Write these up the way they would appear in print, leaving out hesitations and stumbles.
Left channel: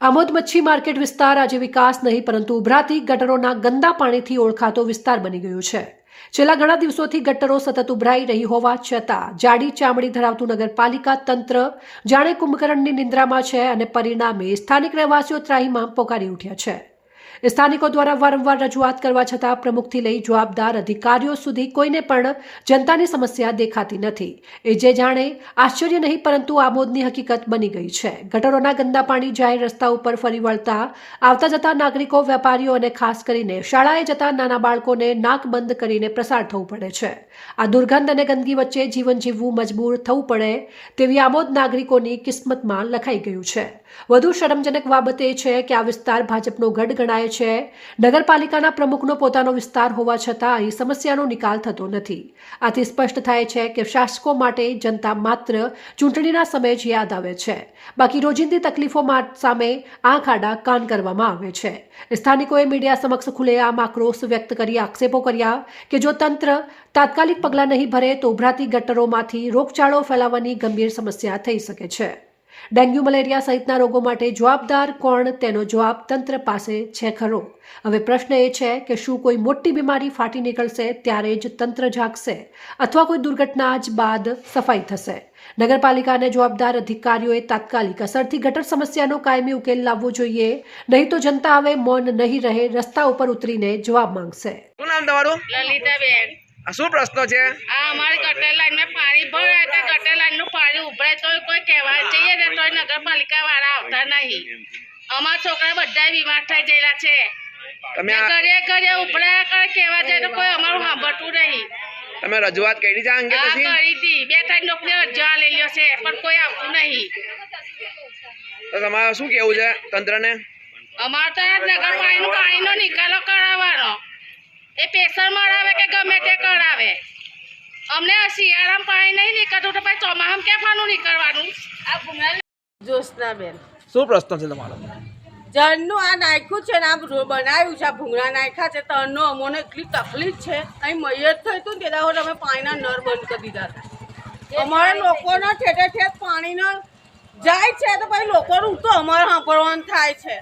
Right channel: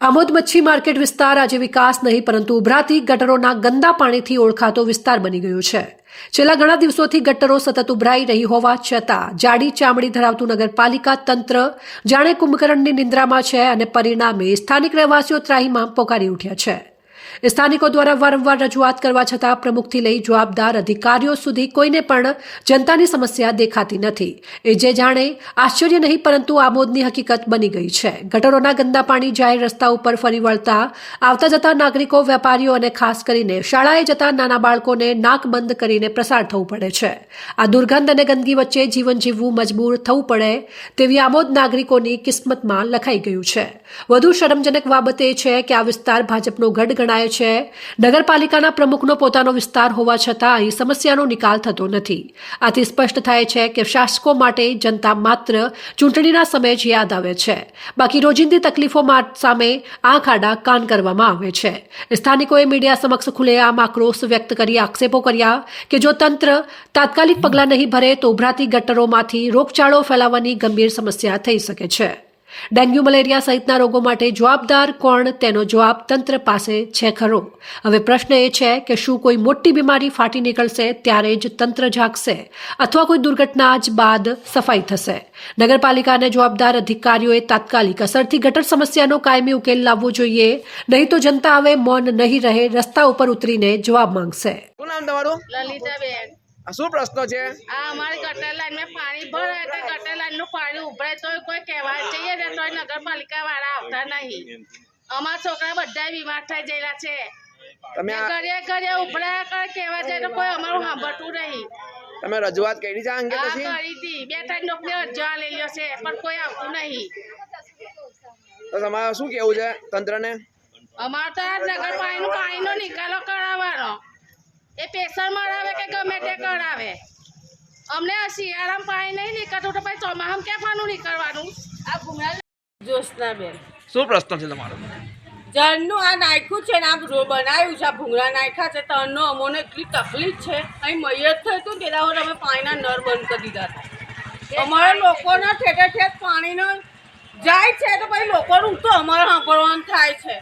આમોદ મચ્છી માર્કેટ વિસ્તાર આજે વિકાસ નહીં પરંતુ ઉભરાતી ગટરોના ગંદા પાણીથી ઓળખાતો વિસ્તાર બની ગયો છે। છેલ્લા ઘણા દિવસોથી ગટરો સતત ઉભરાઈ રહી હોવા છતાં જાડી ચામડી ધરાવતું નગરપાલિકા તંત્ર જાણે કુંભકર્ણની નિંદ્રામાં છે અને પરિણામે સ્થાનિક રહેવાસીઓ ત્રાહિમામ પોકારી ઉઠ્યા છે। સ્થાનિકો દ્વારા વારંવાર રજૂઆત કરવા છતાં પ્રમુખથી લઈ જવાબદાર અધિકારીઓ સુધી કોઈને પણ જનતાની સમસ્યા દેખાતી નથી। એ જે જાણે આશ્ચર્ય નહીં પરંતુ આમોદની હકીકત બની ગઈ છે। ગટરોના ગંદા પાણી જાહેર રસ્તા ઉપર ફરી વળતા આવતા જતા નાગરિકો, વેપારીઓ અને ખાસ કરીને શાળાએ જતા નાના બાળકોને નાક બંધ કરીને પ્રસાર થવું પડે છે। આ દુર્ગંધ અને ગંદકી વચ્ચે જીવન જીવવું મજબૂર થવું પડે તેવી આમોદ નાગરિકોની કિસ્મતમાં લખાઈ ગયું છે। વધુ શરમજનક બાબત એ છે કે આ વિસ્તાર ભાજપનો ગઢ ગણાય છે। નગરપાલિકાના પ્રમુખનો પોતાનો વિસ્તાર હોવા છતાં અહીં સમસ્યાનો નિકાલ થતો નથી। આથી સ્પષ્ટ થાય છે કે શાસકો માટે જનતા માત્ર ચૂંટણીના સમયે જ યાદ આવે છે, બાકી રોજિંદી તકલીફો સામે આંખ આડા કાન કરવામાં આવે છે। સ્થાનિકોએ મીડિયા સમક્ષ ખુલ્લેઆમ આક્રોશ વ્યક્ત કરી આક્ષેપો કર્યા કે જો તંત્ર તાત્કાલિક પગલાં નહીં ભરે તો ઉભરાતી ગટરોમાંથી રોગચાળો ફેલાવાની ગંભીર સમસ્યા થઈ શકે છે। ડેન્ગ્યુ, મલેરિયા સહિતના રોગો માટે જવાબદાર કોણ તેનો જવાબ તંત્ર પાસે છે ખરો? હવે પ્રશ્ન એ છે કે શું કોઈ મોટી બીમારી ફાટી નીકળશે ત્યારે જ તંત્ર જાગશે અથવા કોઈ દુર્ઘટના જ બાદ સફાઈ થશે? નગરપાલિકા અને જવાબદાર અધિકારીઓએ તાત્કાલિક અસરથી ગટર સમસ્યાનો કાયમી ઉકેલ લાવવો જોઈએ, નહીં તો જનતા હવે મૌન નહીં રહે, રસ્તા ઉપર ઉતરીને જવાબ માંગશે। શું નામ તમારું? લલિતાબેન। આ શું પ્રશ્ન છે? આ અમારી ગટર લાઈનમાં પાણી ભરાય તો ગટર લાઈનનું પાણી ઉભરાય તો કોઈ કહેવા જઈએ ને તો નગરપાલિકા વાળા આવતા નહીં। અમારા છોકરા બધા બીમાર થઈ ગયેલા છે। તમે ઘરે ઘરે ઉભરાયા કરે કહેવા જાય તો કોઈ અમારું સાંભળતું નહીં। તમે રજૂઆત કરી છે આ અંગે? આ પછી કરી હતી, 2-3 લોકોને અરજી લઈ લ્યો છે પણ કોઈ આવતું નહીં। તો તમારે શું કેવું છે તંત્રને? અમારે તો નગરપાલિકાનું પાણીનો નિકાલો કરાવવાનો, એ પ્રેશર મરાવે કે ગમે તે કરાવે। અમને શિયાળામાં પાણી નહીં નીકળતું તો પછી ચોમાસામાં ક્યાં પાણી નીકળવાનું? આ ભૂંગળા જ્યોત્સનાબેન, શું પ્રશ્ન છે તમારો? જળનું આ નાખ્યું છે ને આ બનાવ્યું છે, આ ભૂંગળા નાખ્યા છે તરનો અમોને એટલી તકલીફ છે। અહીં મૈયત થયું હતું ને તે દાખલ અમે પાણીના નળ બંધ કરી દીધા હતા। અમારા લોકોના ઠેઠે ઠેઠ પાણીનો જાય છે તો પછી લોકોનું તો અમારે સાંભળવાનું થાય છે।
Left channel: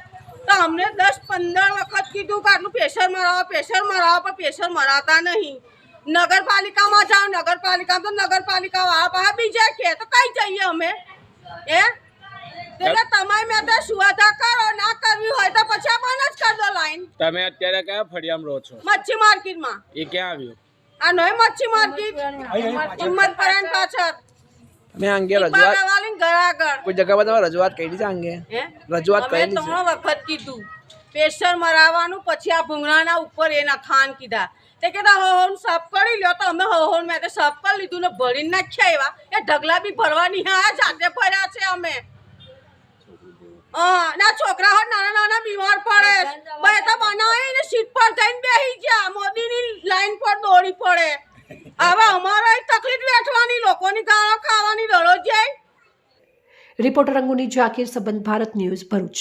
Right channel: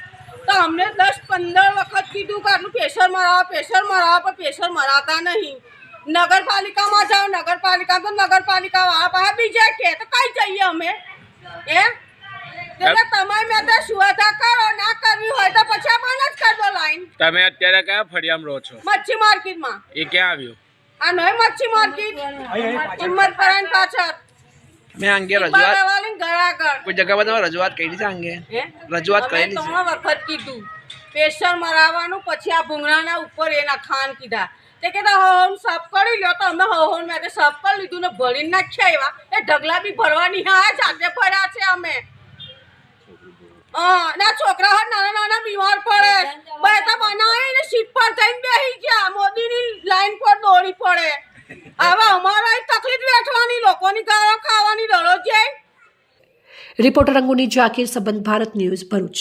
તો અમને 10-15 વખત કીધું કે આટલું પ્રેશર મરાવો પણ પ્રેશર મરાવતા નહીં। નગરપાલિકામાં જાઓ, નગરપાલિકામાં તો નગરપાલિકા વાળા પાસે બીજા કે તો કઈ જઈએ અમે? એટલે તમે મેં તો સુવિધા કરો, ના કરવી હોય તો પછી આ બંધ જ કરી દો લાઈન। તમે અત્યારે કયા ફળિયામાં રહો છો? મચ્છી માર્કેટમાં। એ ક્યાં આવ્યું? આ નોય મચ્છી માર્કેટ હિંમતપરાની પાછળ મેં અંગે રજૂઆત ઘરાગળ કોઈ જગ્યા પર તમે રજૂઆત કરી છે અંગે? રજૂઆત કરેલી છે? 3 વખત કીધું પ્રેશર મરાવવાનું, પછી આ ભૂંગળાના ઉપર એના ખાન કીધા તે કીધા હોન સાફ કરી લ્યો તો અમે હોન મેં સાફ કરી લીધું ને ભરીને નાખ્યા। એવા એ ઢગલા બી ભરવાની હા જાતે ભર્યા છે અમે। ના છોકરા હોય નાના નાના બીમાર પડે, બે તો બનાવીને સીટ પર જઈને બેસી ગયા, મોદીની લાઈન પર દોડી પડે। હવે અમારા તકલીફ વેઠવાની, લોકોની ગાળો ખાવાની દરરોજ જાય। રિપોર્ટર અંગુની જાકીર, સંબંધ ભારત ન્યૂઝ, ભરૂચ।